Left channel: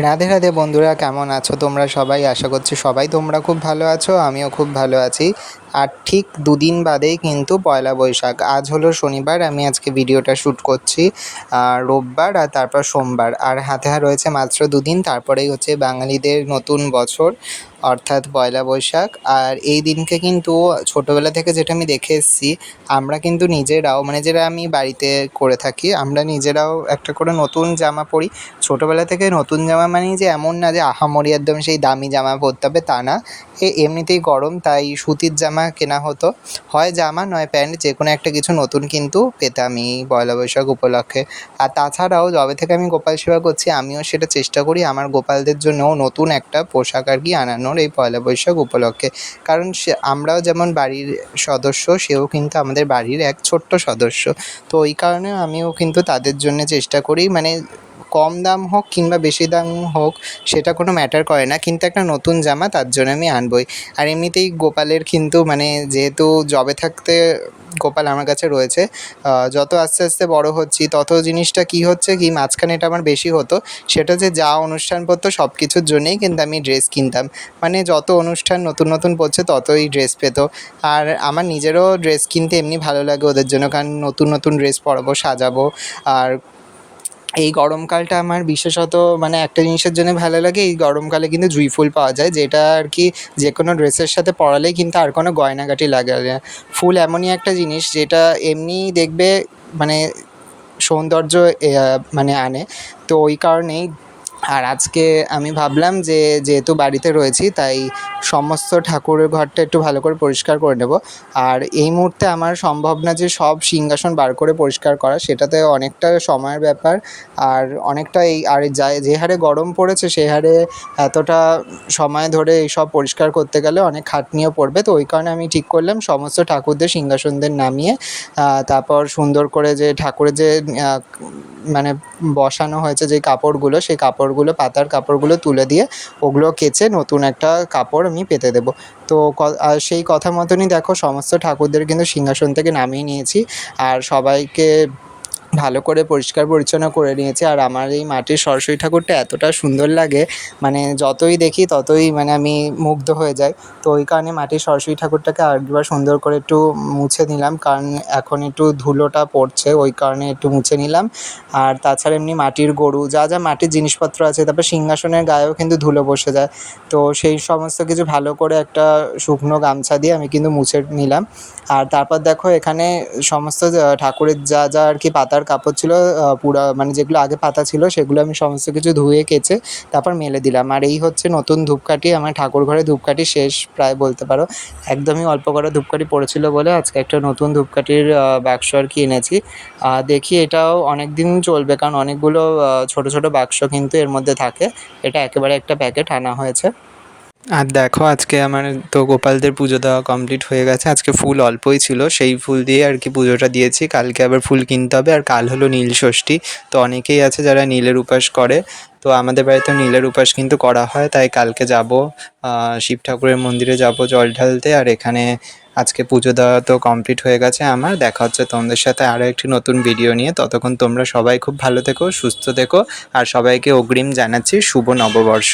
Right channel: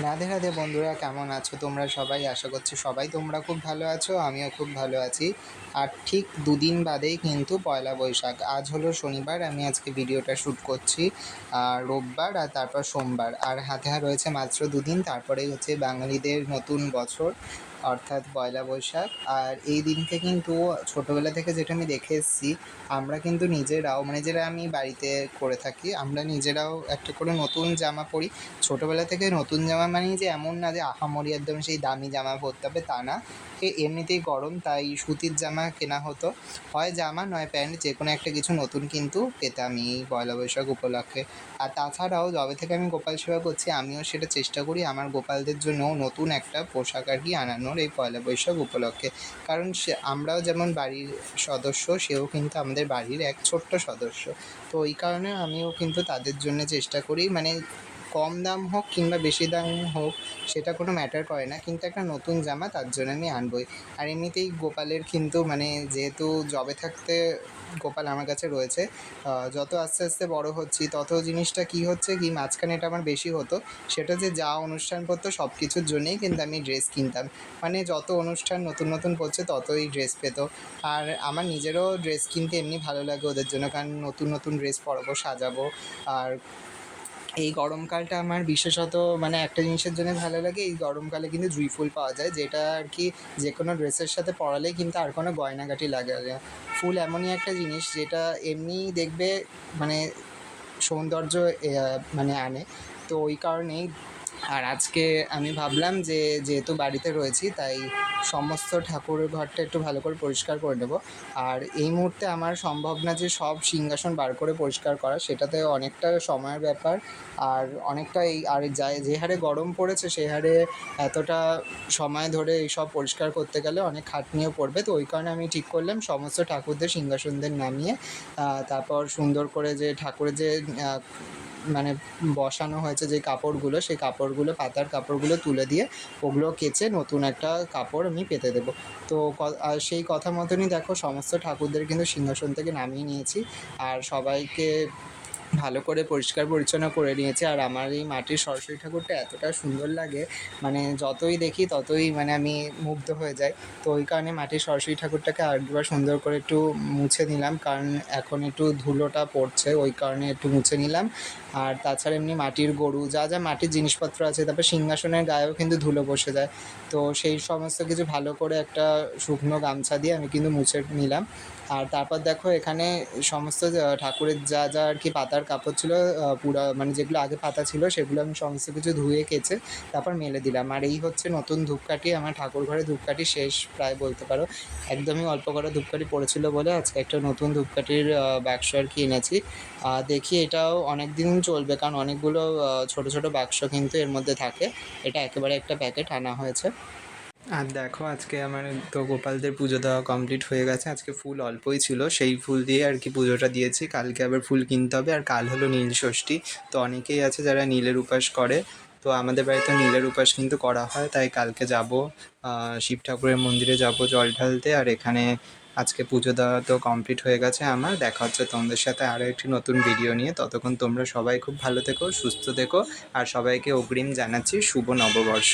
রাধে রাধে বন্ধুরা, কেমন আছো তোমরা সবাই? আশা করছি সবাই তোমরা খুব ভালো আছো, আমিও খুব ভালো আছি। আর ঠিক দুদিন বাদেই কিন্তু পয়লা বৈশাখ। আজ হলো শনিবার, আমি আজকে ভিডিওটা শ্যুট করছি রোববার আর তারপর সোমবার। আর হাতে রয়েছে মাত্র দুদিন, তারপরেই হচ্ছে বাঙালিদের নতুন বছর, অর্থাৎ পয়লা বৈশাখ। আর এই দিনকে কিন্তু ছোটোবেলা থেকে যেটা আমি দেখে এসেছি, আমরা কিন্তু নিজেরাও মানে যেটা আমি বাড়িতে করে থাকি, আমরা নিজেরাও একটা করে নতুন জামা পরি। ছোটোবেলা থেকে নতুন জামা মানেই যে এমন না যে আহামরি একদম সেই দামি জামা পরতে হবে, তা না। এমনিতেই গরম, তাই সুতির জামা কেনা হতো। হয় জামা, নয় প্যান্ট যে কোনো একটা কিছু নতুন কিন্তু পেতাম পয়লা বৈশাখ উপলক্ষে। আর তাছাড়াও যবে থেকে আমি গোপাল সেবা করছি, আমিও সেটা চেষ্টা করি আমার গোপালদের জন্যও নতুন একটা পোশাক আর কি আনানোর এই পয়লা বৈশাখ উপলক্ষে। কারণ সে, আমরাও যেমন বাড়ির সদস্য, সেও কিন্তু আমাদের বাড়ির এক ছোট্ট সদস্য। তো ওই কারণে আমিও কিন্তু তাদের জন্য চেষ্টা করি মানে কম দাম হোক কিংবা বেশি দাম হোক, সেটা কোনো ম্যাটার করে না। কিন্তু একটা নতুন জামা, তার জন্য আমি আনবই। আর এমনিতেই গোপালের কিন্তু মানে যেহেতু জবে থাকতে গোপাল আমার কাছে রয়েছে যত আস্তে আস্তে বড় হচ্ছি, তত জিনিসটা কী হচ্ছে কি, মাঝখানে এটা আমার বেশি হতো। সেটা যে যা অনুষ্ঠান পড়তো সব কিছুর জন্যেই কিন্তু আমি ড্রেস কিনতাম। মানে যত অনুষ্ঠান নতুন নতুন পড়ছে, ততই ড্রেস পেত। আর আমার নিজেরও ড্রেস কিনতে এমনি ভালো লাগে ওদের জন্য। কারণ নতুন নতুন ড্রেস পরাবো, সাজাবো, আর এই গরমকালটা আমার বিশেষত মানে একটা জিনিসের জন্য ভালো লাগে, এই গরমকালে কিন্তু জুঁই ফুল পাওয়া যায়, যেটা আর কি যে কোনো ড্রেসের সাথে পরালেই কিন্তু আর কোনো গয়নাগাটি লাগে না। ফুল এমনই একটা জিনিস যেটা এমনি দেখবে মানে সৌন্দর্য মানে আনে। তো ওই কারণেই আর আজকে আমি ভাবলাম যে যেহেতু বাড়িতে রয়েছি, তাই সমস্ত ঠাকুরের ঘরটা একটু ভালো করে পরিষ্কার করে নেব। আর এই মুহূর্তে আমার সম্ভব না যে সব সিংহাসন বার করে পরিষ্কার করা, সেটাতে অনেকটা সময়ের ব্যাপার। আর অনেকটা এই, আর যা, যে হারে গরম পড়েছে সেই হারে এতটা সময় ধরে এই সব পরিষ্কার করতে গেলে অনেক খাটনিও পড়বে। তো ওই কারণে আমি ঠিক করলাম সমস্ত ঠাকুরদের সিংহাসনদের নামিয়ে তারপর সুন্দর করে যে ঠাকুরের যে মানে বসানো হয়েছে যে কাপড়গুলো, সেই কাপড়গুলো, পাতার কাপড়গুলো তুলে দিয়ে ওগুলো কেচে নতুন একটা কাপড় আমি পেতে দেবো। তো সেই কথা মতনই দেখো, সমস্ত ঠাকুরদের কিন্তু সিংহাসন থেকে নামিয়ে নিয়েছি। আর সবাইকে ভালো করে পরিষ্কার পরিচ্ছন্ন করে নিয়েছে। আর আমার এই মাটির সরস্বতী ঠাকুরটা এতটা সুন্দর লাগে মানে যতই দেখি ততই মানে আমি মুগ্ধ হয়ে যাই। তো ওই কারণে মাটির সরস্বতী ঠাকুরটাকে আরেকবার সুন্দর করে একটু মুছে নিলাম। কারণ এখন একটু ধুলোটা পড়ছে, ওই কারণে একটু মুছে নিলাম। আর তাছাড়া এমনি মাটির গরু, যা যা মাটির জিনিসপত্র আছে, তারপর সিংহাসনের গায়েও কিন্তু ধুলো বসে যায়। তো সেই সমস্ত কিছু ভালো করে একটা শুকনো গামছা দিয়ে আমি কিন্তু মুছে নিলাম। আর তারপর দেখো এখানে সমস্ত ঠাকুরের যা যা আর কি পাতার কাপড় ছিল পুরা মানে যেগুলো আগে পাতা ছিল সেগুলো আমি সমস্ত কিছু ধুয়ে কেচে তারপর মেলে দিলাম। আর এই হচ্ছে নতুন ধূপকাঠি, আমার ঠাকুর ঘরে ধূপকাঠি শেষ প্রায় বলতে পারো। একদমই অল্প করে ধূপকাঠি পড়েছিল বলে আজকে একটা নতুন ধূপকাঠির বাক্স আর কি এনেছি। দেখি এটাও অনেক দিন চলবে কারণ অনেকগুলো ছোটো ছোটো বাক্স কিন্তু এর মধ্যে থাকে। এটা একেবারে একটা প্যাকেট আনা হয়েছে। আর দেখো, আজকে আমার তো গোপালদের পুজো দেওয়া কমপ্লিট হয়ে গেছে। আজকে ফুল অল্পই ছিল, সেই ফুল দিয়ে আর কি পুজোটা দিয়েছি। কালকে আবার ফুল কিনতে হবে, আর কাল হলো নীল ষষ্ঠী। তো অনেকেই আছে যারা নীলের উপাস করে। তো আমাদের বাড়িতে নীলের উপাস কিন্তু করা হয়, তাই কালকে যাব শিব ঠাকুরের মন্দিরে যাব জল ঢালতে। আর এখানে আজকে পুজো দেওয়া তো কমপ্লিট হয়ে গেছে আমার। দেখা হচ্ছে তোমাদের সাথে আরও একটি নতুন ভিডিও নিয়ে। ততক্ষণ তোমরা সবাই খুব ভালো থেকো, সুস্থ থেকো। আর সবাইকে অগ্রিম জানাচ্ছি, শুভ নববর্ষ।